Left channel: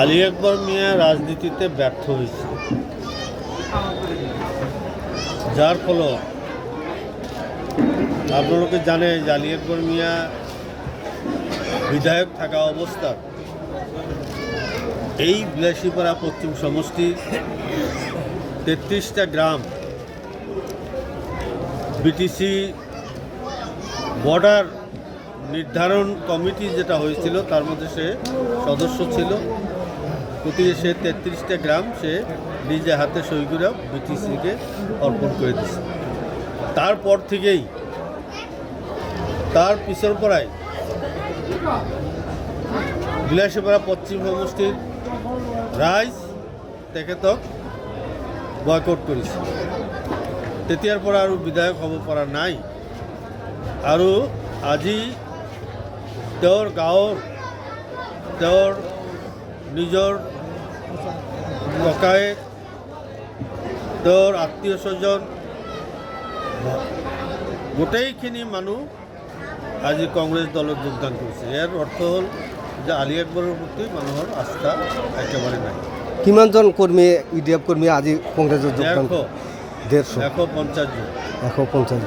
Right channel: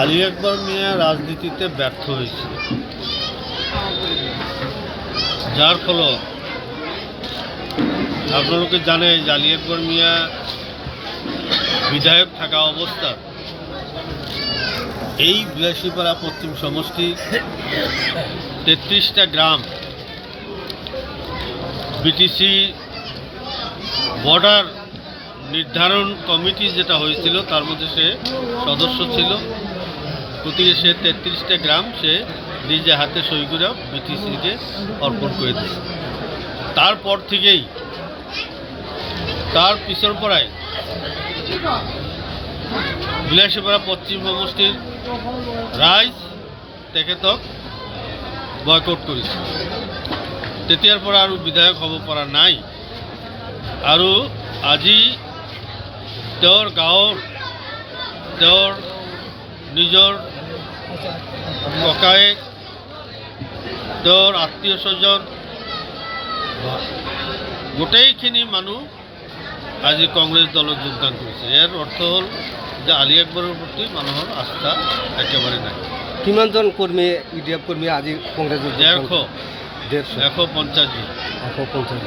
আলী আকবর মিয়া রাজনীতিতে ব্যর্থ হয়েছে, যার ফলে আপনারা জানেন যে আলী আকবর মিয়া বিধায়ক থাকা অবস্থা এই বিলাসীপাড়া পশ্চিম সমষ্টির 33টা গ্রাম বিটিসি বর্ডার নির্ধারণ কমিটি যেটা হয়েছিল তার মধ্যে সে সদস্য ছিল। গতিকে সে 33টা গ্রাম সে নিজে হাতে সই করে বিটিসিকে অর্পণ করে দিয়েছে। তারপর থেকেই তার পিছর পড়ায় বিলাসীপাড়া পশ্চিম সমষ্টির রাইজ তেখেতক বয়কট করেছে। তেতিয়াৰ পৰা আৰু বিধায়ক হ'ব পৰা নাই। আৰু আজি তেওঁৰ গাঁৱৰ তেওঁৰ নিজৰ ককায়েক, তেওঁৰ আত্মীয় স্বজন, গোটেইখিনি মানুহ আজি কংগ্ৰেছ দলত যোগদান কৰিছে। ইয়াৰ অৰ্থ হ'ল যে আলী আকবৰৰ প্ৰতি মানুহৰ আস্থা একেবাৰে নাই। কিমানজন কৰ্মী ইডিএফ কৰ্মী আজি কংগ্ৰেছত 150 জন। 150 জন।